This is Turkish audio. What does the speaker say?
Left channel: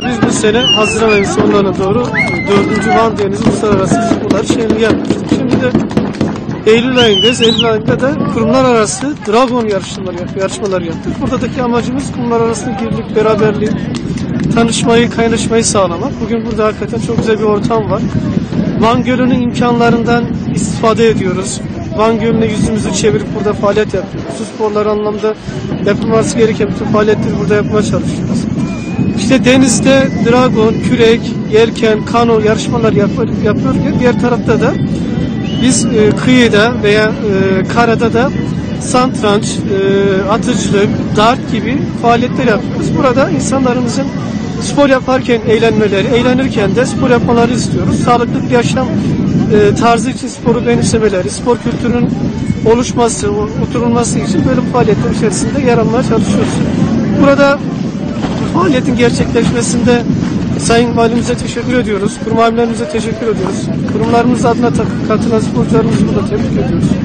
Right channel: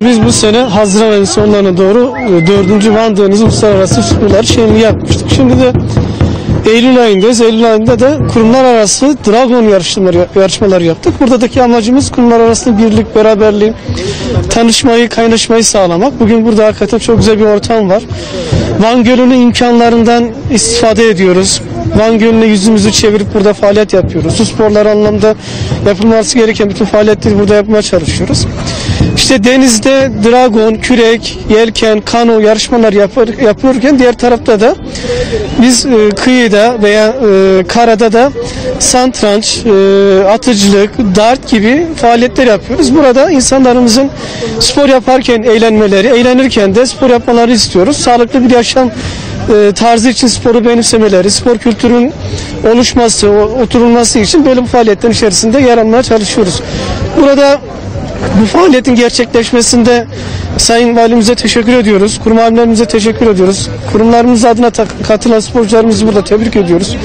Biz bu sene Haziran ayı sonlarına doğru e, 4. Van Deniz Uluslararası Sporlar Şenliği yapmıştık. Şimdi de Eylül ayındayız. Eylül ayında da kurumlar arası Dragon yarışmaları, yarışmalar yaptık. Buradaki amacımız kurumlar arasında birlik, beraberliği, tanışmayı, kaynaşmayı sağlamak. Bugün burada hakikaten çok güzel bir ortam var. Van Gölü'nün imkanlarından istifade ediyoruz. Van Gölü'ne yüzümüzü çevirip burada faaliyet yapıyoruz. Su sporlar anlamda yapılması gereken bütün faaliyetleri burada yapmaya çalışıyoruz. İşte denizde dragon, kürek, yelken, kano yarışmalar yapır, yapıyorken diğer tarafta da biz e, kıyıda veya e, karada da santranç, e, atıcılık, dart gibi faaliyetler yapıyoruz. Burada insanlarımızın spor yaparken eğlenmeleri, eğlenirken de spor yapmaları istiyoruz. Sağlıklı bir yaşam e, tarzı için sporu benimsemeleri, spor kültürünün oluşması, oturulması için böyle faaliyetlerin içerisinde yer almaya çalışıyoruz. Burada bu faaliyetin gerçekleşmesinde Sayın Valimize teşekkür ediyoruz. Kurum amirlerimize teşekkür ediyoruz. Kurumlarımız adına katılan sporcularımızı burada tebrik ediyoruz.